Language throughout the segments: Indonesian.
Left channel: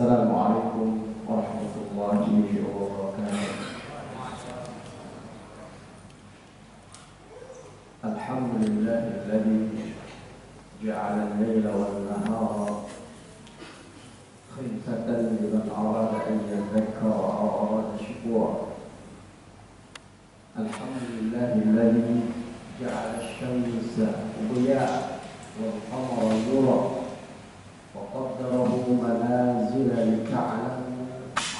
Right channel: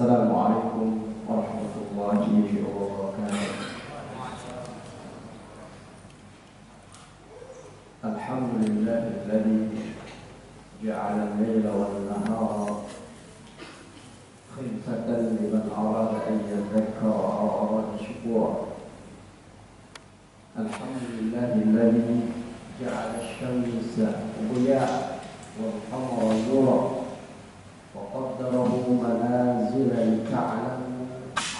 Assalamualaikum warahmatullahi wabarakatuh. Alhamdulillahilladzi ja'ala al-laila wan-nahara khilfatan liman arada an yadhakkara aw arada shukura. Alhamdulillahilladzi ja'ala asy-syamsa diya'an wal-qamara nuran وقدره منازل لتعلم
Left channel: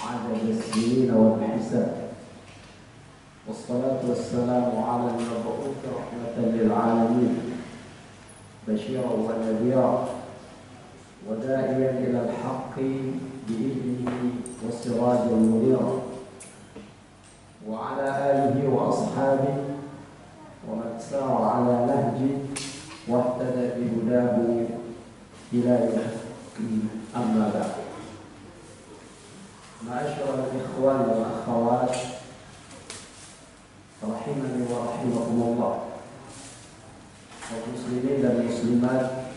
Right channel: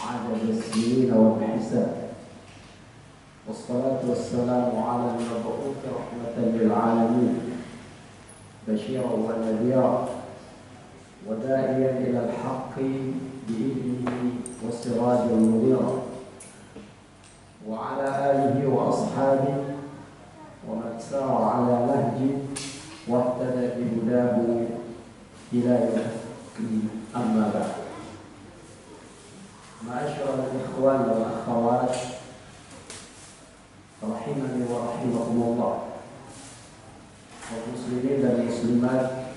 عدد السنين والحساب والصلاة والسلام على المبعوث رحمة للعالمين بشيرا ونذيرا وداعيا إلى الحق بإذنه وسراجا منيرا وعلى آله وأصحابه ومن سار على نهجه واهتدى بهداه إلى يوم أما بعد. معاشر الإخوان والأخوات rahimani wa rahimakumullah, kaum muslimin dan muslimat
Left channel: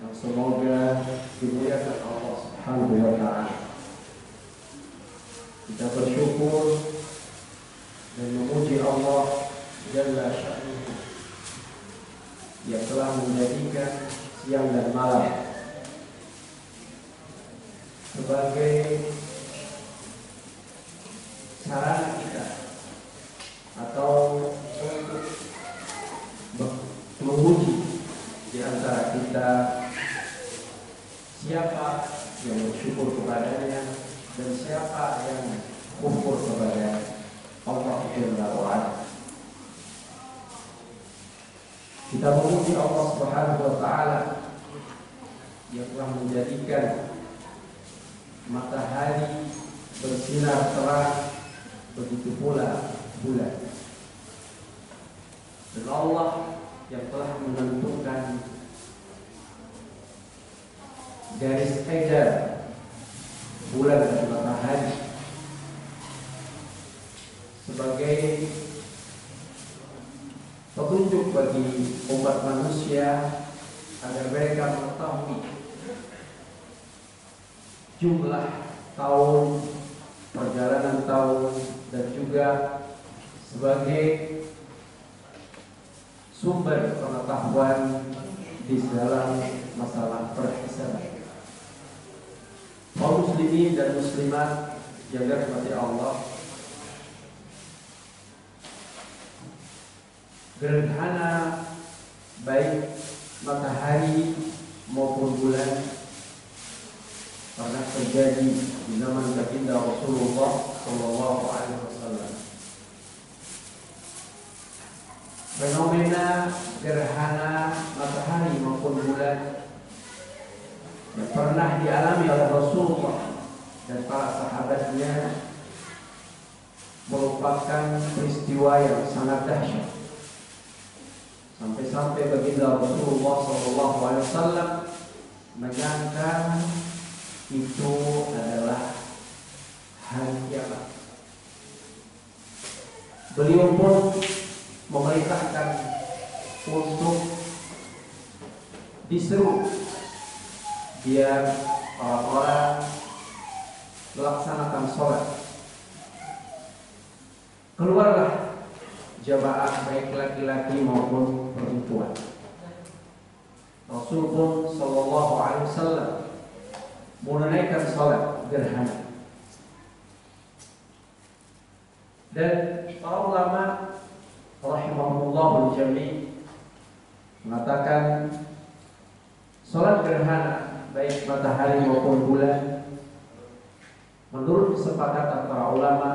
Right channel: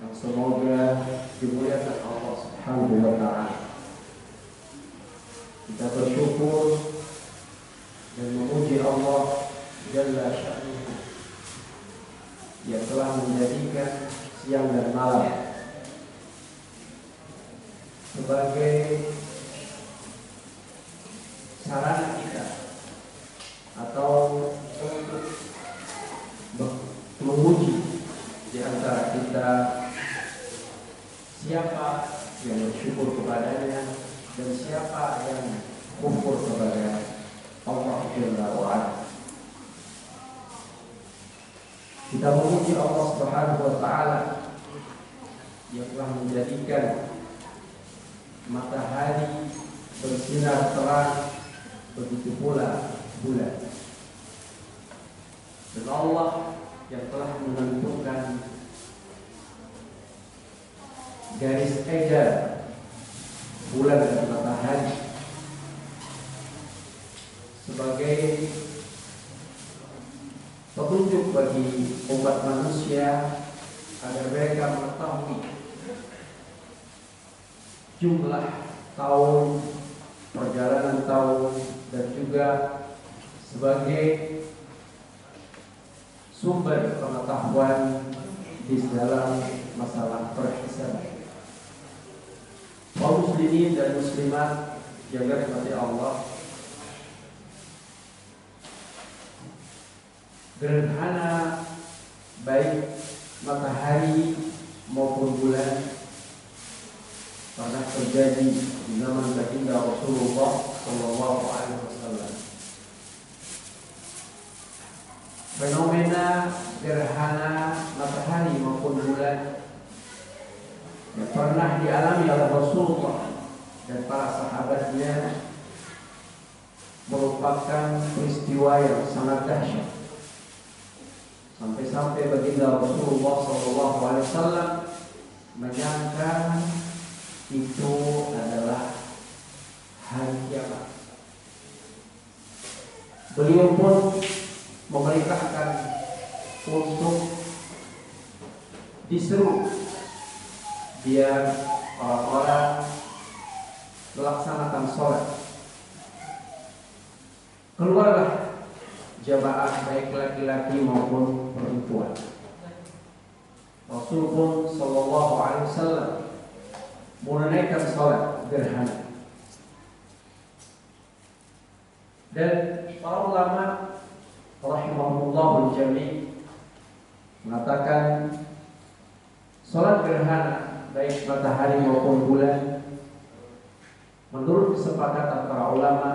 yang semoga dimuliakan Allah Subhanahu wa taala. Kita bersyukur dan memuji Allah Jalla Sya'nuhu yang telah menjadikan siang dan malam sebagai sarana kita atau untuk menguji di antara kita siapa yang bersyukur kepadanya dan siapa yang kufur kepada Allah Jalla wa'ala. Kita memuji Allah Subhanahu wa taala yang telah menjadikan matahari bersinar terang, begitu pula bulan. Dan Allah yang telah menentukan garis ejar bulan dan matahari sebagai petunjuk bagi umat manusia agar mereka mengetahui jumlah tahun, perjalanan tahun, dan juga sebagai sumber pengetahuan di dalam masalah perhisaban. Kaum muslimin dan muslimat yang dirahmati Allah, gerhana baik matahari maupun bulan pernah terjadi di zaman baginda Rasulullah Sallallahu Alaihi Wasallam. Fenomena gerhana matahari maupun bulan yang pernah dialami oleh Rasulullah dan para sahabatnya merupakan peristiwa yang sangat dahsyat. Sampai-sampai baginda Rasulullah Sallallahu Alaihi Wasallam menyangka itu adalah hari kiamat. Beliau pun memerintahkan untuk diseru biar orang-orang melaksanakan sholat. Keluarlah jamaah baik laki-laki maupun perempuan. Rasul pun Sallallahu Alaihi Wasallam menunaikan salat gerhana. Dan para ulama rahimahumullah jami' mengatakan salat gerhana baik matahari maupun bulan menurut kesepakatan para ulama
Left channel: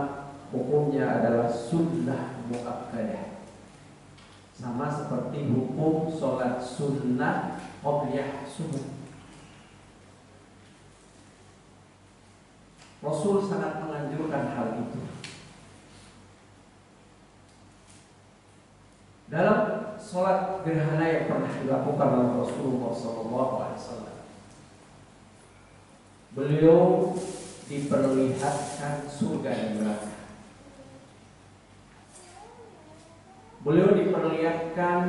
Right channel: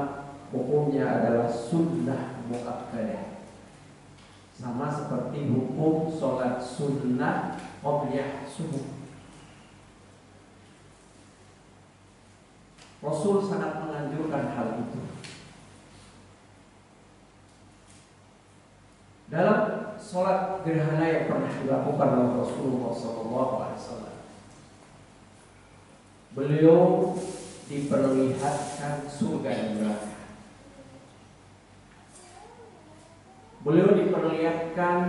hukumnya adalah sunnah muakkadah, sama seperti hukum salat sunnah qobliyah subuh. Rasul sangat menganjurkan hal itu. Dalam sholat gerhana yang pernah dilakukan oleh Rasulullah SAW, beliau diperlihatkan surga dan neraka. Beliau diperlihatkan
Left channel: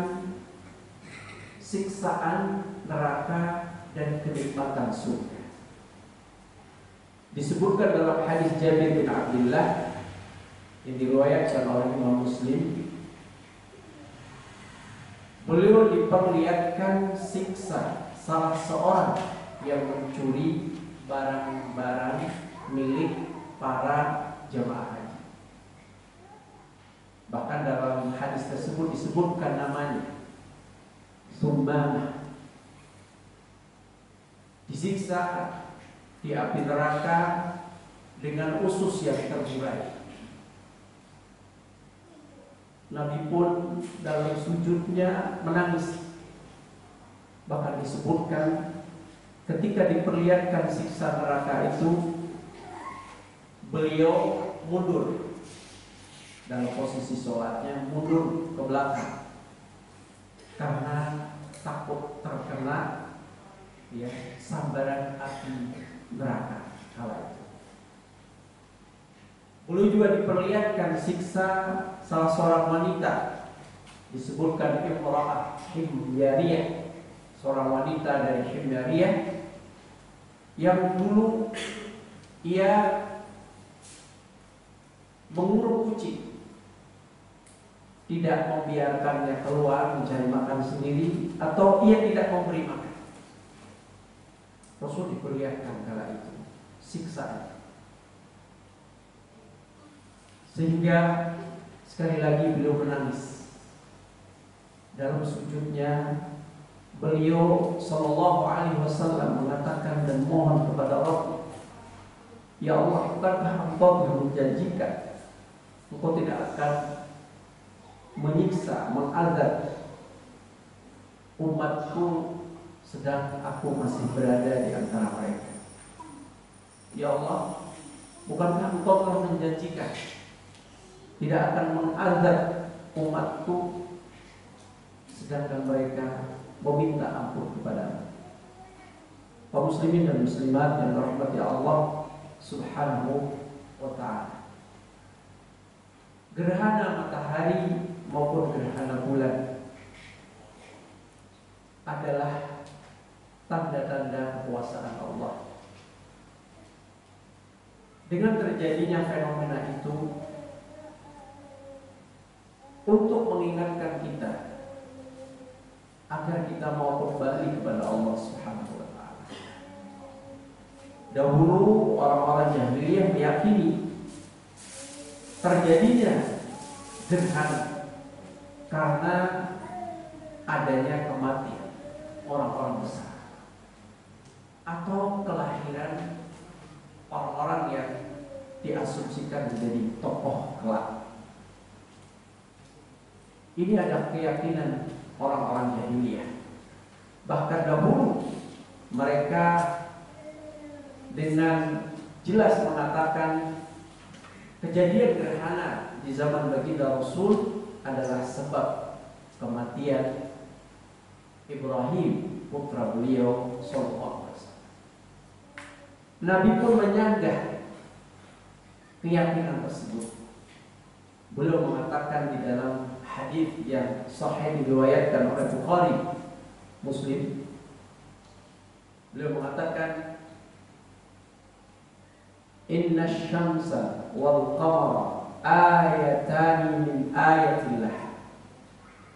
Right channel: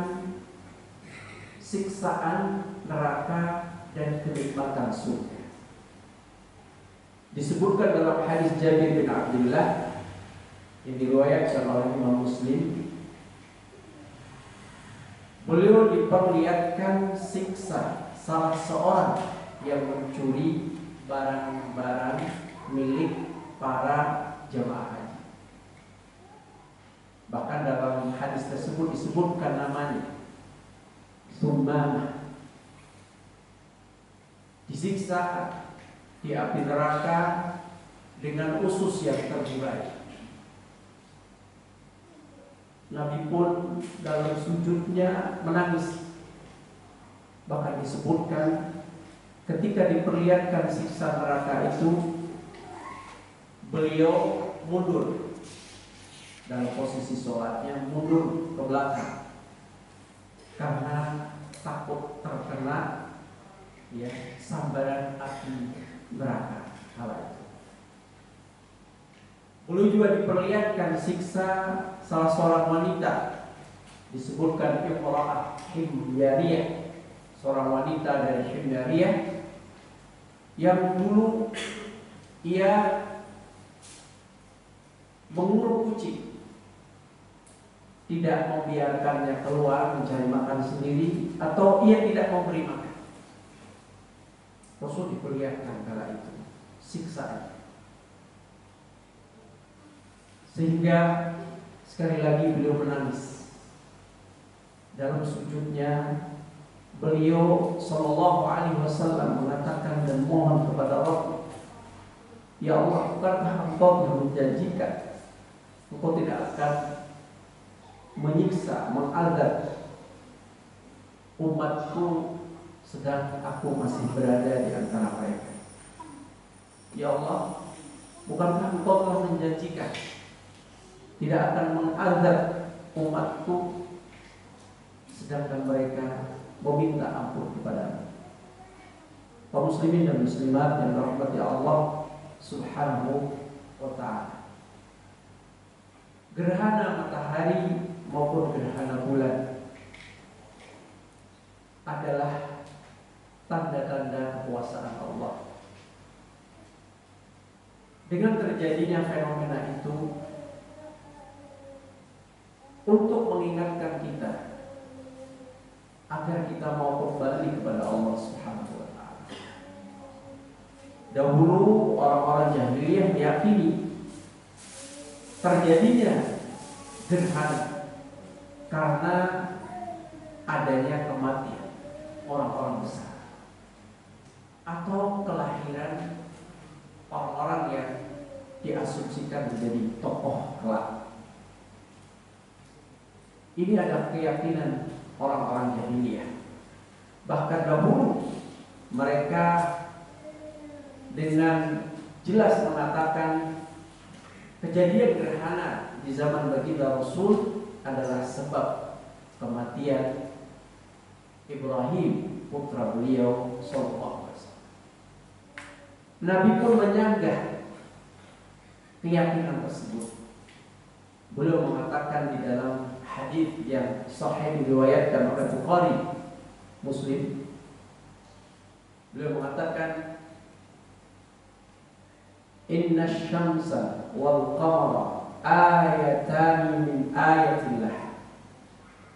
siksaan neraka dan kenikmatan surga. Disebutkan dalam hadis Jabir bin Abdullah yang diriwayatkan oleh Imam Muslim, beliau diperlihatkan siksa salah seorang yang mencuri barang-barang milik para jemaah haji. Bahkan dalam hadis tersebut disebutkan namanya, Sumamah. Disiksa di api neraka dengan usus yang terburai. Nabi pun dalam sujudnya menangis. Bahkan disebutkan ketika diperlihatkan siksa neraka itu, beliau mundur dalam posisi sholatnya, mundur ke belakang karena takut terkena sambaran api neraka kala itu. Beliau juga diperlihatkan siksa salah seorang wanita, disebutkan imra'ah himyariyah, seorang wanita dari Himyariyah yang dulu ia mengurung kucing, tidak membiarkannya keluar mencari makan sendiri, atau ia tidak memberi makan. Rasul diperlihatkan kala itu siksaan, sehingga sekali lagi beliau menangis dalam sujudnya. Beliau Shallallahu Alaihi Wasallam mengatakan dan mohon kepada Allah, ya Allah, bukankah Engkau yang menjanjikan Engkau tidak akan menyiksa, mengazab umatku sedang aku masih berada di antara mereka. Ya Allah, bukankah Engkau telah menjanjikan tidak akan mengazab umatku sedangkan mereka meminta ampun kepada kaum muslimin dan muslimat yang dirahmati Allah Subhanahu wa ta'ala. Gerhana matahari maupun gerhana bulan adalah tanda-tanda kekuasaan Allah. Dengan terjadinya fenomena itu untuk mengingatkan kita agar kita mau kembali kepada Allah Subhanahu wa ta'ala. Dahulu orang-orang jahiliyah meyakini terjadinya gerhana karena adanya kematian orang-orang besar atau kelahiran orang-orang yang diasumsikan menjadi tokoh kelak. Ini adalah keyakinan orang-orang jahiliyah. Bahkan dahulu mereka dengan jelas mengatakan kejadian gerhana di zaman baginda Rasul adalah sebab kematian Ibrahim, putra beliau sallallahu alaihi wasallam. Nabi pun menyanggah keyakinan tersebut. Beliau mengatakan di dalam hadis yang sahih diriwayatkan oleh Bukhari, Muslim, beliau mengatakan, inna syamsa wal qamara ayatani min ayatillah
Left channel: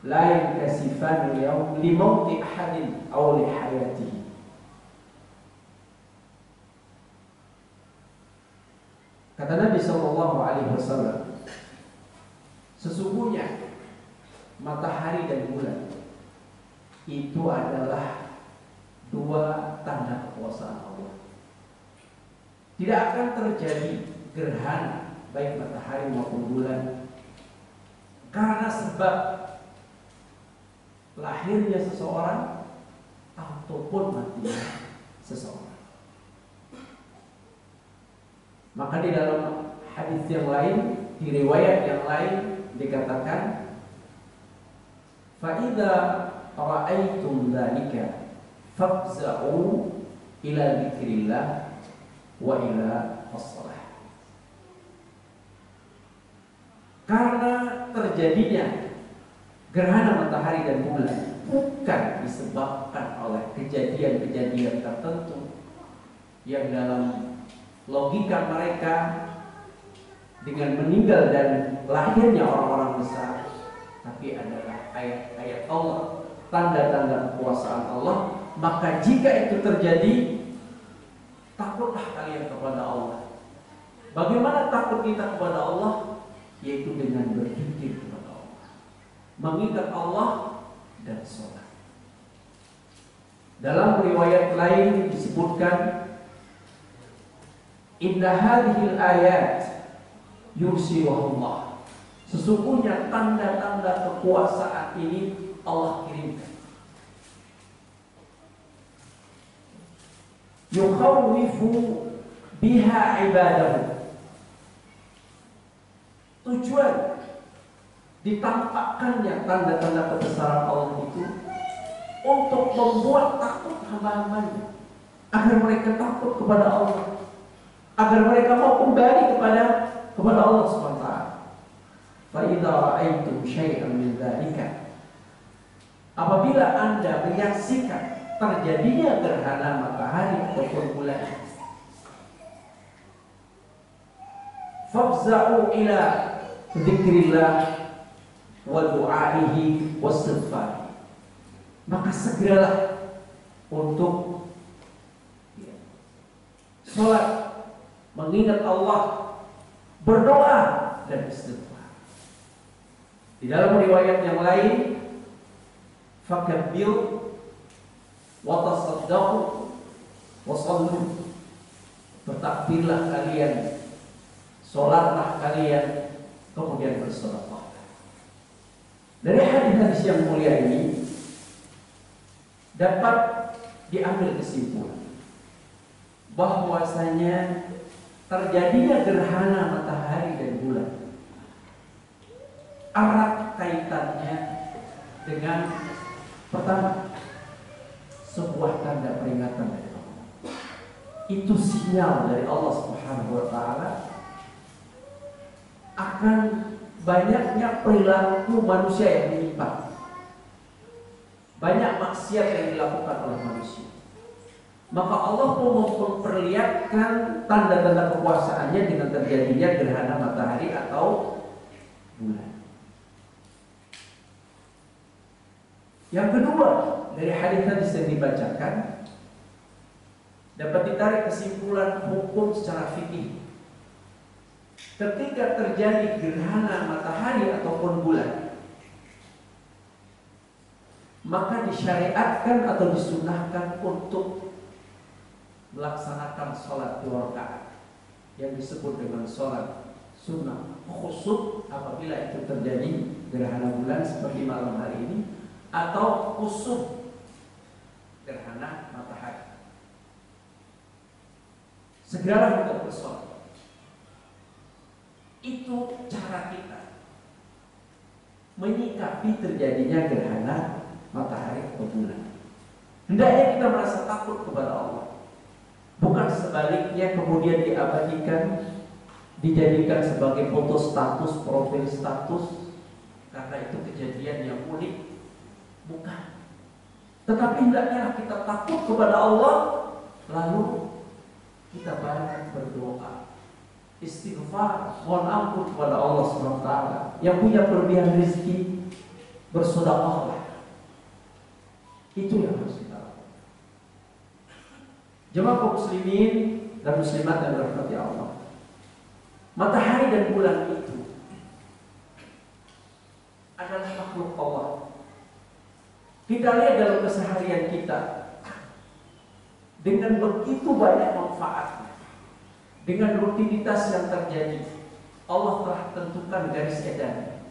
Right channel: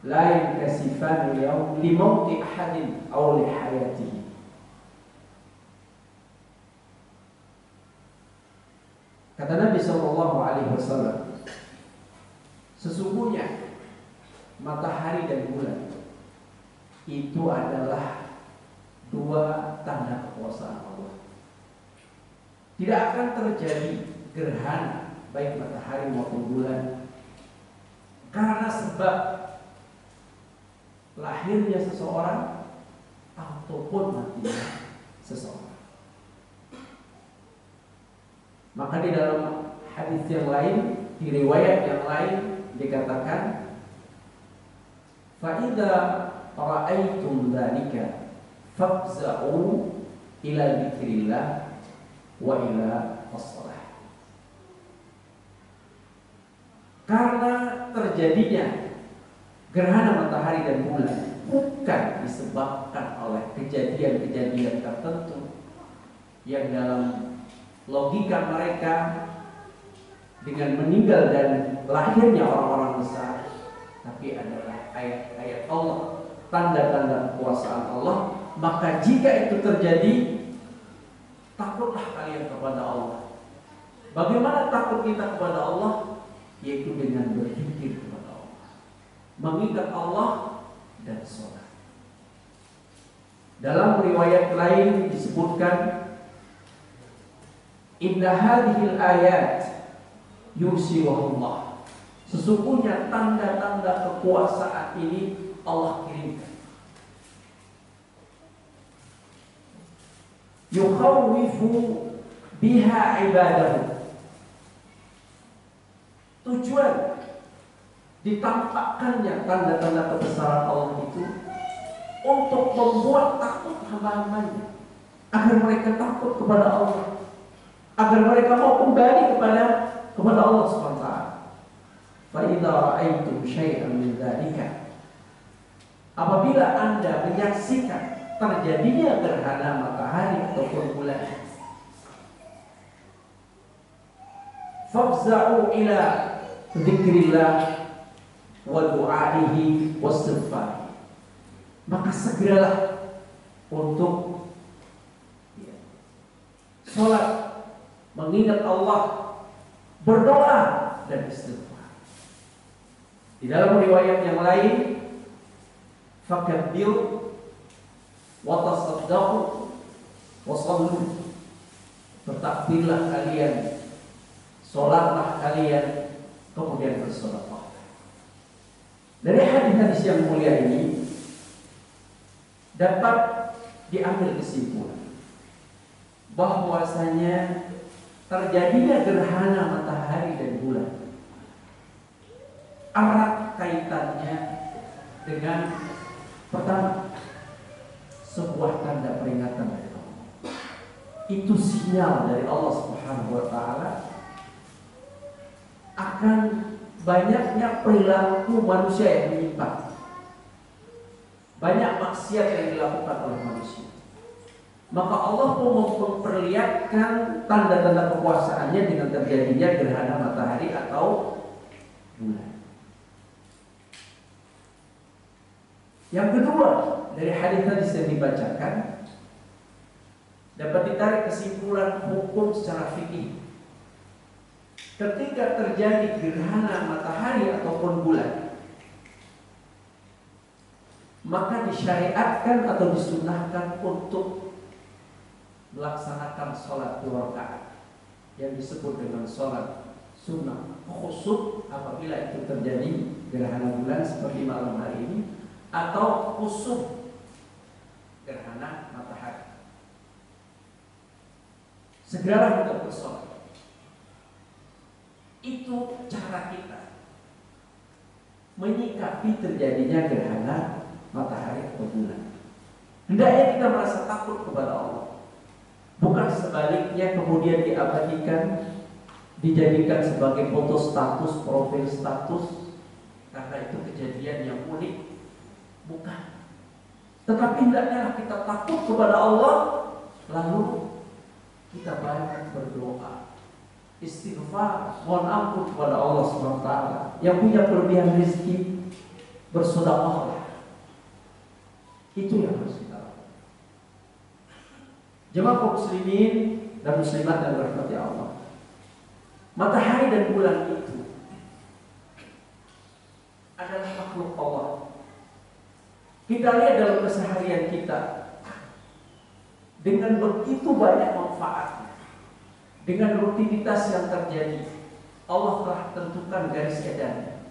la yankasifani yawm li mauti ahadin aw li hayatihi. Kata Nabi sallallahu alaihi wasallam, sesungguhnya matahari dan bulan itu adalah dua tanda kekuasaan Allah. Tidak akan terjadi gerhana baik matahari maupun bulan karena sebab lahirnya seseorang ataupun matinya seseorang. Maka di dalam hadis yang lain, di riwayat yang lain dikatakan, فَإِذَا رَأَيْتُمْ ذَلِكَ فَافْزَعُوا إِلَى ذِكْرِ اللَّهِ وَإِلَى الصَّلَاةِ. Karena terjadinya gerhana matahari dan bulan bukan disebabkan oleh kejadian-kejadian tertentu yang dalam logika mereka dengan meninggal dan lahirnya orang-orang besar, tapi adalah ayat-ayat Allah, tanda-tanda kekuasaan Allah. Maka jika itu terjadi, takutlah kalian kepada Allah. Bagaimana takut kita kepada Allah? Yaitu dengan berzikir kepada Allah, mengingat Allah dan sholat. Dalam riwayat lain disebutkan, inna hadhil ayat yursiluhullah, sesungguhnya tanda-tanda kekuasaan ini Allah kirimkan. Yukhawwifu biha ibadahu, tujuan ditampakkannya tanda-tanda kebesaran Allah itu untuk membuat takut hamba-hambanya, agar mereka takut kepada Allah, agar mereka mau kembali kepada Allah SWT. Fa idza ra'aitum syai'an min dzalika, apabila Anda menyaksikan terjadinya gerhana matahari ataupun bulan, fafza'u ila dzikrillah wa du'aihi wastighfar, maka segeralah untuk sholat, mengingat Allah, berdoa dan istighfar. Di dalam riwayat yang lain, fakabbir wa tasaddaqu wa shallu, bertakbirlah kalian, sholatlah kalian, kemudian bersedekah. Dari hadis-hadis yang mulia ini dapat diambil kesimpulan bahwasanya terjadinya gerhana matahari dan bulan erat kaitannya dengan, pertama, sebuah tanda peringatan dari Allah. Itu sinyal dari Allah Subhanahu wa taala akan banyaknya perilaku manusia yang menyimpang, banyak maksiat yang dilakukan oleh manusia. Maka Allah pun memperlihatkan tanda-tanda kekuasaannya dengan terjadinya gerhana matahari atau bulan. Yang kedua, dari hadis-hadis yang dibacakan dapat ditarik kesimpulan hukum secara fikih. Ketika terjadi gerhana matahari ataupun bulan, maka disyariatkan atau disunnahkan untuk melaksanakan sholat 2 rakaat yang disebut dengan sholat sunnah khusuf apabila itu terjadi gerhana bulan seperti malam hari ini, atau khusuf gerhana matahari. Segeralah kita bersolat. Itu cara kita menyikapi terjadinya gerhana matahari atau bulan. Hendaknya kita merasa takut kepada Allah, bukan sebaliknya kemudian diabadikan, dijadikan sebagai foto status, profil status, karena itu kejadian yang unik. Bukan. Tetapi hendaknya kita takut kepada Allah, lalu kita banyak berdoa, istighfar, mohon ampun kepada Allah SWT yang punya kelebihan rezeki, bersedekahlah. Itu yang harus kita lakukan. Jemaah kaum muslimin dan muslimat yang dirahmati Allah, matahari dan bulan itu adalah makhluk Allah. Kita lihat dalam keseharian kita, dengan begitu banyak manfaatnya, dengan rutinitas yang terjadi, Allah telah tentukan garis edarnya.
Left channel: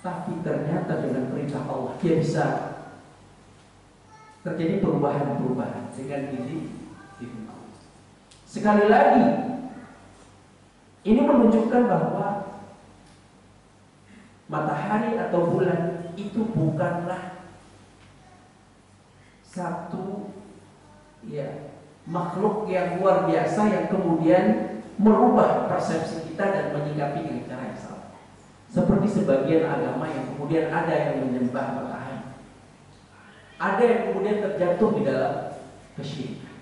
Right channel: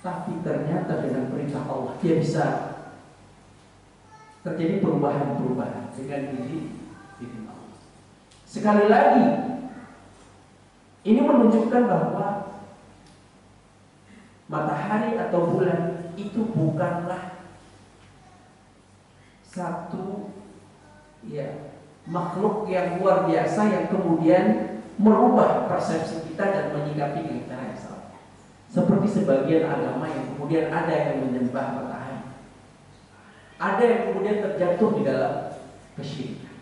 Tapi ternyata dengan perintah Allah, dia bisa terjadi perubahan-perubahan dengan diri Allah. Sekali lagi, ini menunjukkan bahwa matahari atau bulan itu bukanlah satu makhluk yang luar biasa yang kemudian merubah persepsi kita dan menyikapi dengan cara yang salah. Seperti sebagian agama yang kemudian ada yang menyembah matahari, ada yang kemudian terjatuh di dalam kesyirikan.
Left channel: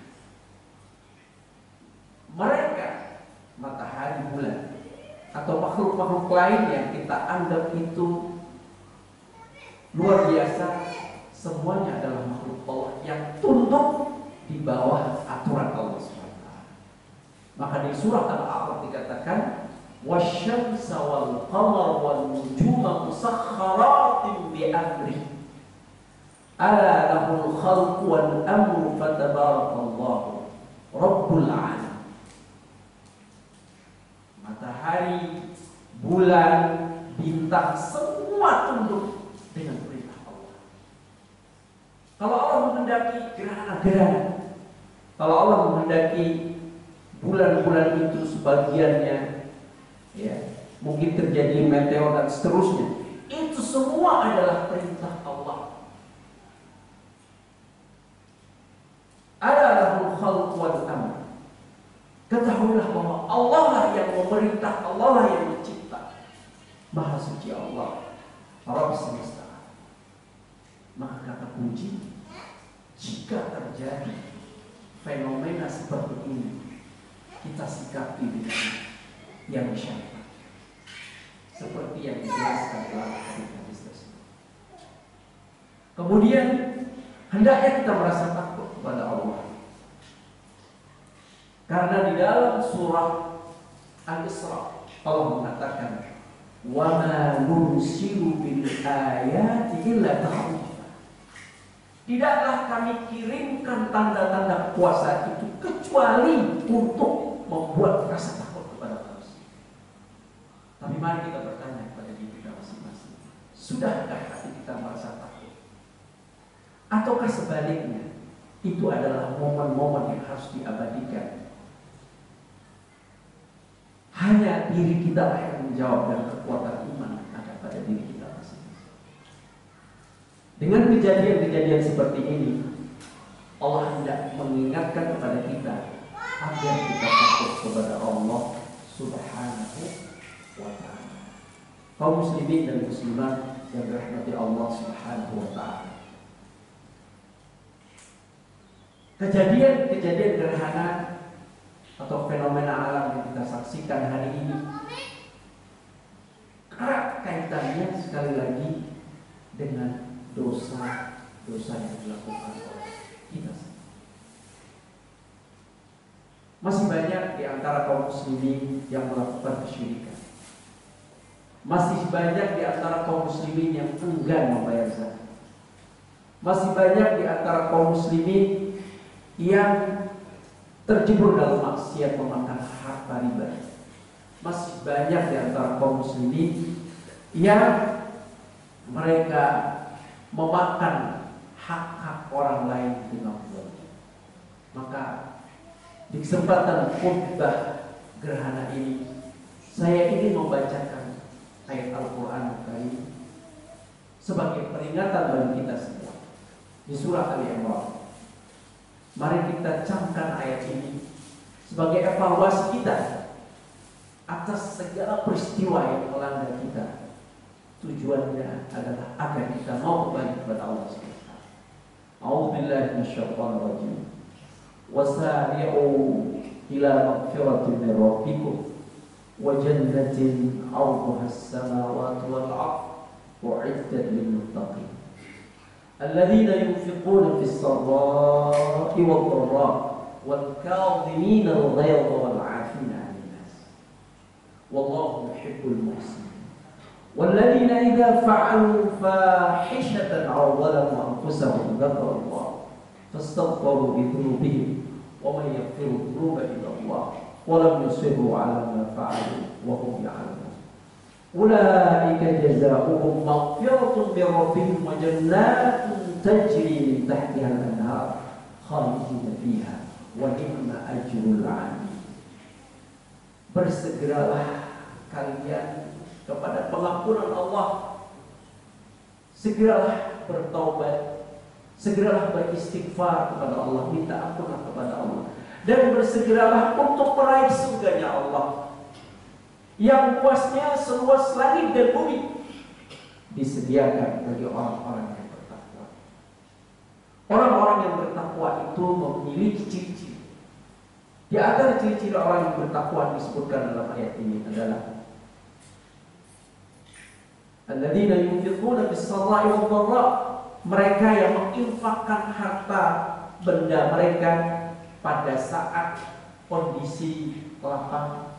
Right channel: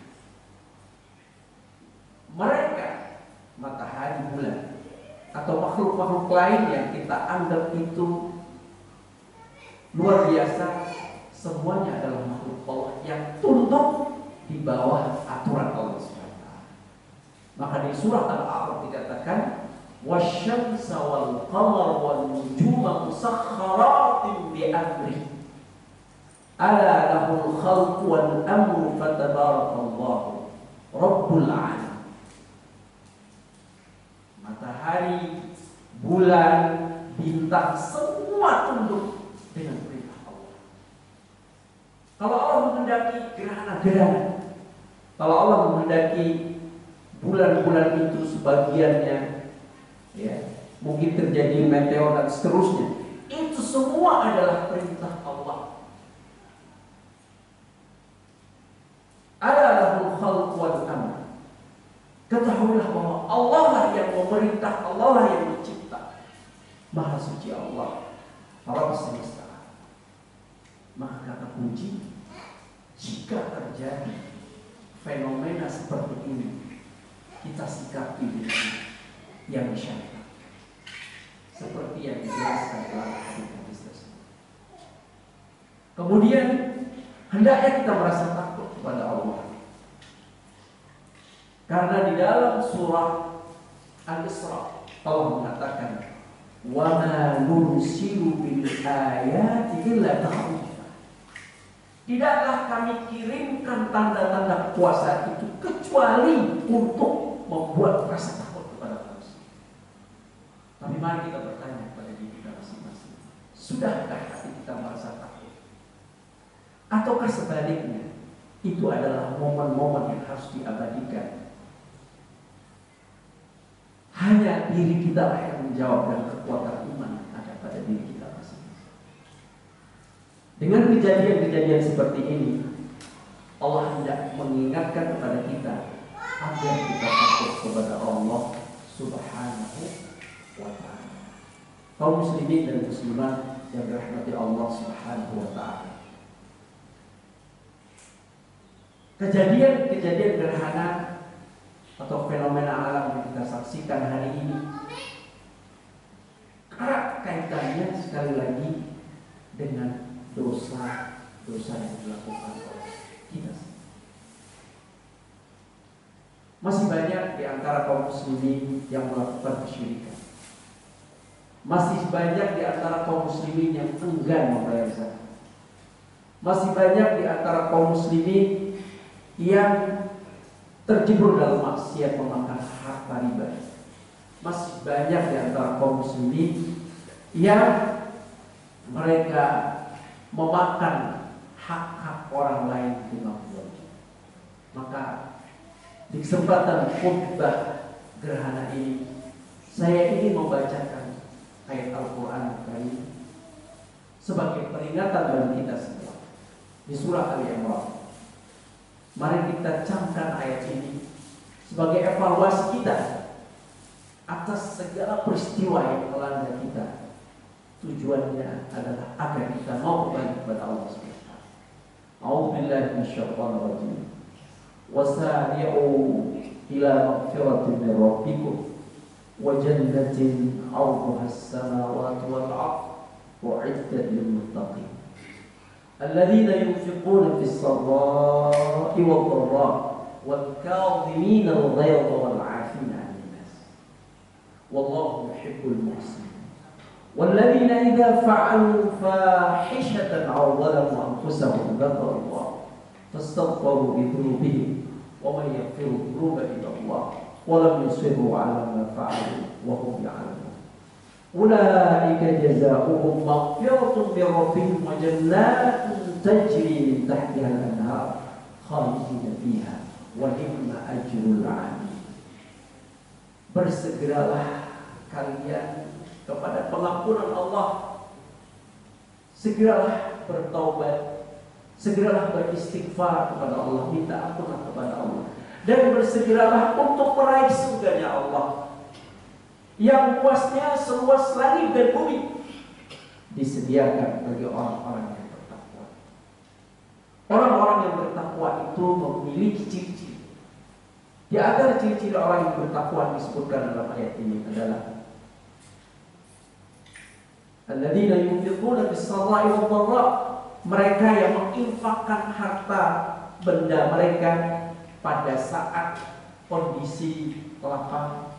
Mereka atau makhluk-makhluk lain yang kita anggap itu luar biasa, semuanya adalah makhluk Allah yang tunduk di bawah aturan Allah SWT. Maka di surah Al-A'raf dikatakan wasyamsa wal qamar wal nujuma musakhkharatin bi amri ala lahul khalqu wal amru fatabarakallahu rabbul alamin. Matahari, bulan, bintang semua tunduk dengan perintah Allah. Kalau Allah menghendaki gerhana-gerhana, kalau Allah menghendaki bulan-bulan itu sebagiannya ya mungkin terjadi meteor dan seterusnya, itu semua adalah perintah Allah. Ala lahul khalqu wal amr. Ketahuilah bahwa Allah lah yang memerintah, Allah lah yang mencipta. Maha suci Allah, Rabb semesta. Maka kata kunci, jika terjadi fenomena seperti ini, kita sikapi dengan yang syariat, seperti yang dijelaskan dalam hadis tersebut. Kemudian hendaknya kita merasa takut kepada Allah, karena di dalam surah Al-Isra Allah mengatakan wa ma nursilu bil ayati illa takhwifa. Tidaklah kami kirimkan tanda-tanda kuasa itu kecuali untuk membuat rasa takut kepada manusia. Tapi mari kita bertanya kepada diri kita masing-masing, sudahkah hati kita merasa takut? Ataukah sebaliknya, itu adalah momen-momen yang harus diabadikan? Hanya diri kita lah yang menjawab dan kekuatan iman ada pada diri kita masing-masing. Dengan kejadian-kejadian seperti ini, Allah hendak mengingatkan kepada kita agar kita takut kepada Allah Subhanahu wa ta'ala. Kaum muslimin dan muslimat yang dirahmati Allah Subhanahu wa ta'ala, kejadian-kejadian gerhana atau fenomena alam yang kita saksikan hari ini erat kaitannya sekali lagi dengan dosa-dosa yang dilakukan oleh kita. Masih banyak di antara kaum muslimin yang melakukan kesyirikan. Masih banyak di antara kaum muslimin yang enggan membayar zakat. Masih banyak di antara kaum muslimin yang terjebur dalam maksiat memakan harta riba. Masih banyak di antara kaum muslimin yang mereka memakan hak-hak orang lain dengan zalim. Maka di kesempatan khutbah gerhana ini, saya ingin membacakan ayat Al-Quran Karim sebagai peringatan bagi kita semua di surah Al-Imran. Mari kita camkan ayat ini sebagai evaluasi kita atas segala peristiwa yang melanda kita. Tujuannya adalah agar kita mau kembali kepada Allah SWT. A'udzubillahi minasyaitonir rajim. Wasari'u ila maghfiratin min rabbikum wa jannatin 'arduha as-samawati wal 'ardh u'iddat lil muttaqin. Alladzina yunfiquna fis sarra'i wad dharra'i wal kadhimina al-ghayza wal 'afina 'anil nas. Wallahu yuhibbul muhsinin. والذين إذا فعلوا فاحشة أو ظلموا أنفسهم ذكروا الله فاستغفروا لذنوبهم ومن يغفر الذنوب إلا الله ولم يصروا على ما فعلوا وهم يعلمون أولئك جزاؤهم مغفرة من ربهم وجنات تجري من تحتها الأنهار خالدين فيها ونعم أجر العاملين. Bersegeralah kalian kepada pengampunan Allah, segeralah bertaubat, segeralah beristighfar kepada Allah, minta ampunan kepada Allah, dan bersegeralah untuk meraih surganya Allah yang luasnya seluas langit dan bumi, disediakan bagi orang-orang yang bertakwa. Orang-orang yang bertakwa itu memiliki ciri-ciri. Di antara ciri-ciri orang yang bertakwa disebutkan dalam ayat ini adalah Alladzina yunfiquna fis-sarra'i wad-dharra, mereka yang menginfakkan harta benda mereka pada saat kondisi lapang,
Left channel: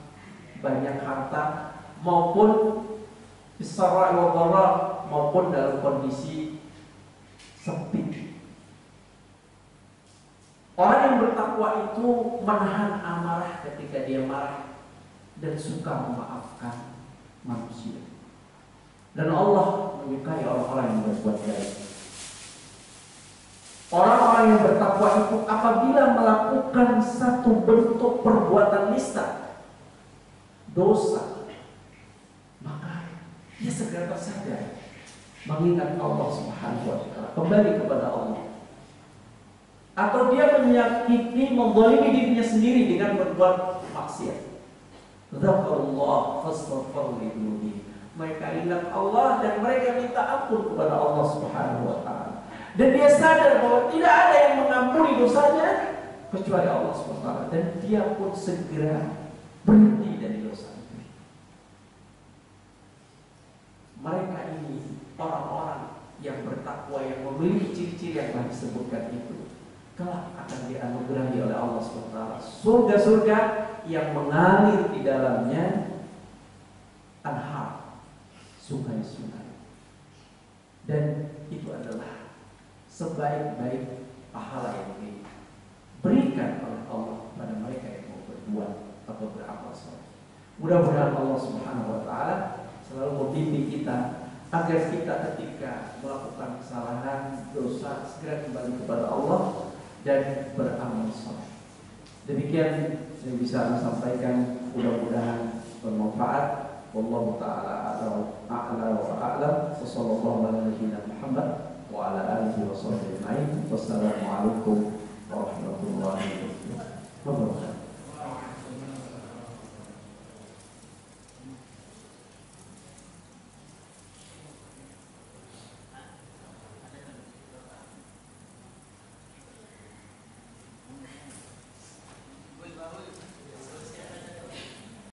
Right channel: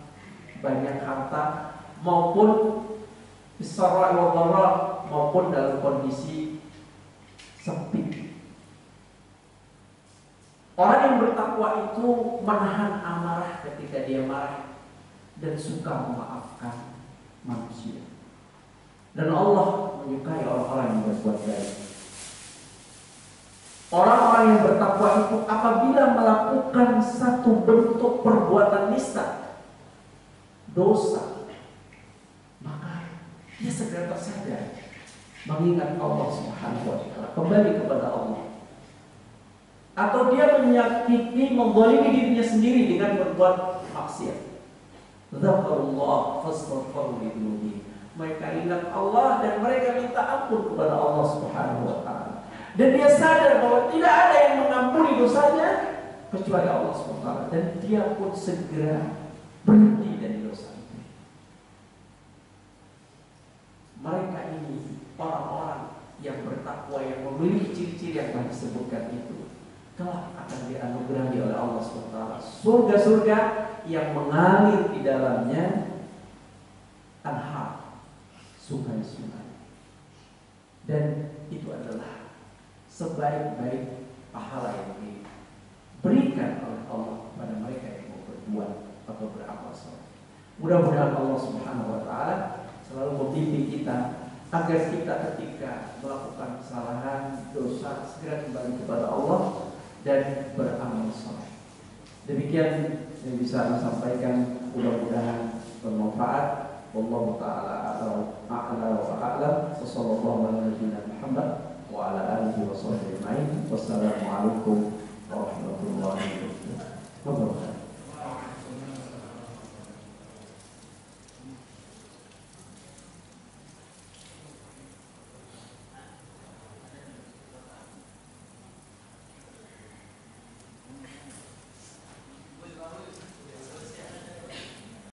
banyak harta, maupun fis-sarra'i wad-dharra, maupun dalam kondisi sempit. Orang yang bertakwa itu menahan amarah ketika dia marah dan suka memaafkan manusia. Dan Allah menyukai orang-orang yang berbuat baik. Orang-orang yang bertakwa itu apabila melakukan satu bentuk perbuatan nista, dosa, maka dia segera tersadar, mengingat Allah Subhanahu wa Ta'ala, kembali kepada Allah. Atau dia menyakiti, menzalimi dirinya sendiri dengan berbuat maksiat. Dzakarullah fastaghfiru lidzunubihim. Mereka ingat Allah dan mereka minta ampun kepada Allah Subhanahu wa Ta'ala. Dan dia sadar bahwa tidak ada yang mengampuni dosanya kecuali Allah Subhanahu wa Ta'ala, dan dia pun segera berhenti dari dosa itu. Mereka ini orang-orang yang bertakwa, yang memiliki ciri-ciri yang telah disebutkan itu, kelak akan dianugerahi oleh Allah SWT surga-surga yang mengalir di dalamnya anhar, sungai-sungai. Dan itu adalah sebaik-baik pahala yang diberikan oleh Allah pada mereka yang mau berbuat atau beramal saleh. Mudah-mudahan Allah Subhanahu wa Ta'ala selalu membimbing kita agar kita ketika melakukan kesalahan, dosa, segera kembali kepada Allah dan beramal saleh. Demikian yang bisa saya sampaikan, mudah-mudahan bermanfaat. Wallahu ta'ala a'la wa a'lam. Wassallallahu ala nabiyyina Muhammad wa ala alihi wa sahbihi ajma'in. Wassalamualaikum